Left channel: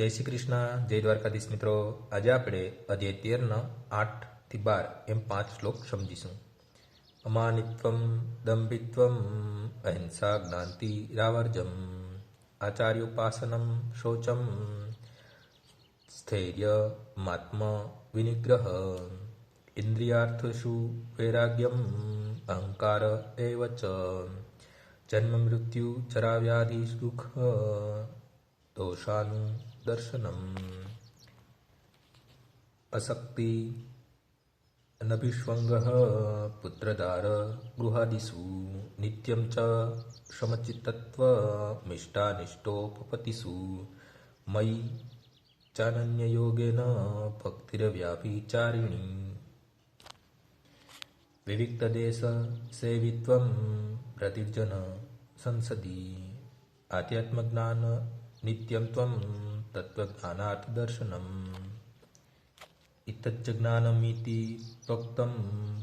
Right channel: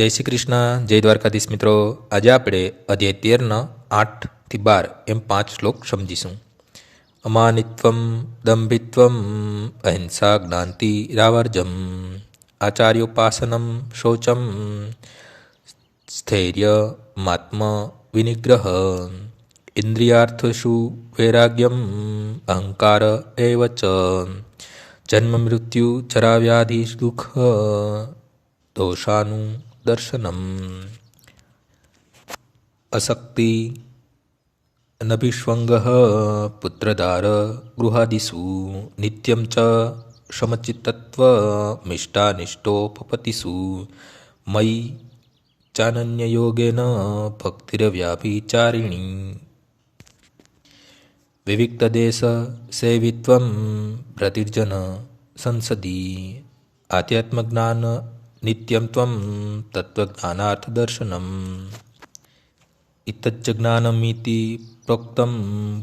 જય શ્રી કૃષ્ણ, જય દ્વારકાધીશ મિત્રો. આજે આપણે અધ્યાય 13 8 થી 12 એમ 5 શ્લોક સમજીશું. અમાનિત્વમ દંભિત્વમ અહિંસા જ્ઞાંતિ રાવર્જમ આચાર્યોપાસનમ શૌચમ સ્થૈર્ય માત્મ વિનિગ્રહ ઇન્દ્રિયાર્થસુ વૈરાગ્યમ અહંકાર એવ ચ જન્મ મૃત્યુ ચરાવ્યાધિ દુઃખ દોષાનું દર્શનમ. અશક્તિ નભિષ્વંગ પુત્રદાર ગૃહાદિષુ નિત્યમ ચ સમચિત્તત્વ મિષ્ટાનિષ્ટોપપતિષુ મયી ચાનન્યયોગેન ભક્તિરવ્યાભિચારિણી વિવિક્તદેશ સેવિત્વમ પ્રતિર્જન સંસદી આધ્યાત્મજ્ઞાન નિત્યમ ત્વમ તત્વજ્ઞાનાર્થદર્શનમ ઇતચ્ચ જ્ઞાનમિતિ પ્રોક્તમ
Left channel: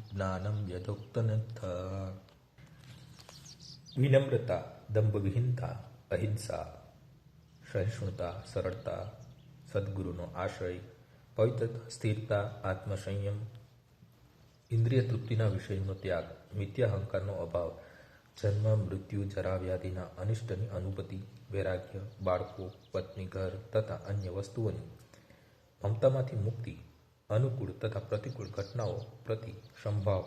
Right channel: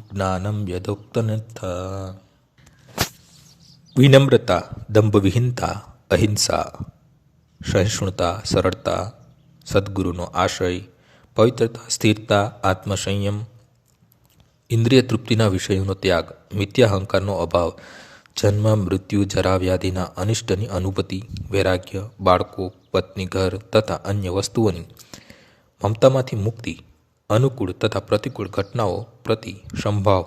જ્ઞાનમ યથોક્તન્યથઃ. વિનમ્રતા, દંભવિહીનતા, અહિંસા, સહિષ્ણુતા, સરળતા, સદ્ગુરુનો આશ્રય, પવિત્રતા, સ્થિરતા, આત્મસંયમ, ઇન્દ્રિય તૃપ્તિના વિષયોનો ત્યાગ, મિથ્યાહંકારનો અભાવ, જન્મ મૃત્યુ જરા વ્યાધિના અનિષ્ટની અનુભૂતિ, વૈરાગ્ય, બાળકો, પત્ની, ઘર તથા અન્ય વસ્તુઓની મમતામાંથી મુક્તિ, અનુકૂળ તથા પ્રતિકૂળ ઘટનાઓ પ્રતિ સંભાવ,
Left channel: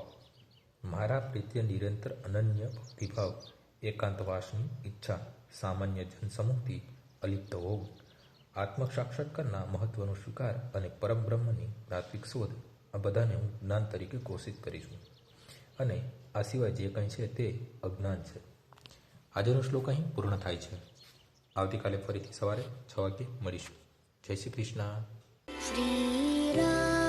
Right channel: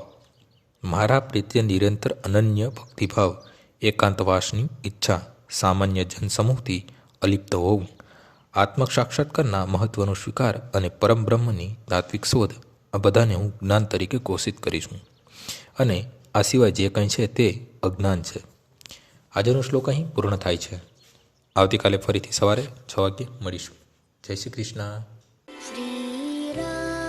મારા પ્રત્યે નિરંતર અનન્ય ભક્તિભાવ, એકાંતવાસની ઈચ્છા, સામાન્ય જનસમૂહથી અલિપ્ત હોવું, આત્મ સાક્ષાત્કારના મહત્વનો સ્વીકાર અને પરમ બ્રહ્મની તાત્વિક શોધ, આ બધાને હું જ્ઞાન તરીકે ઘોષિત કરીશું અને આ સિવાય જે કંઈ છે તે અજ્ઞાન છે. આજનો શ્લોક અહીં પૂર્ણ થાય છે. આવતીકાલે ફરીથી સવારે 6 વાગ્યે મળીશું. જય શ્રી કૃષ્ણ. શ્રી રામ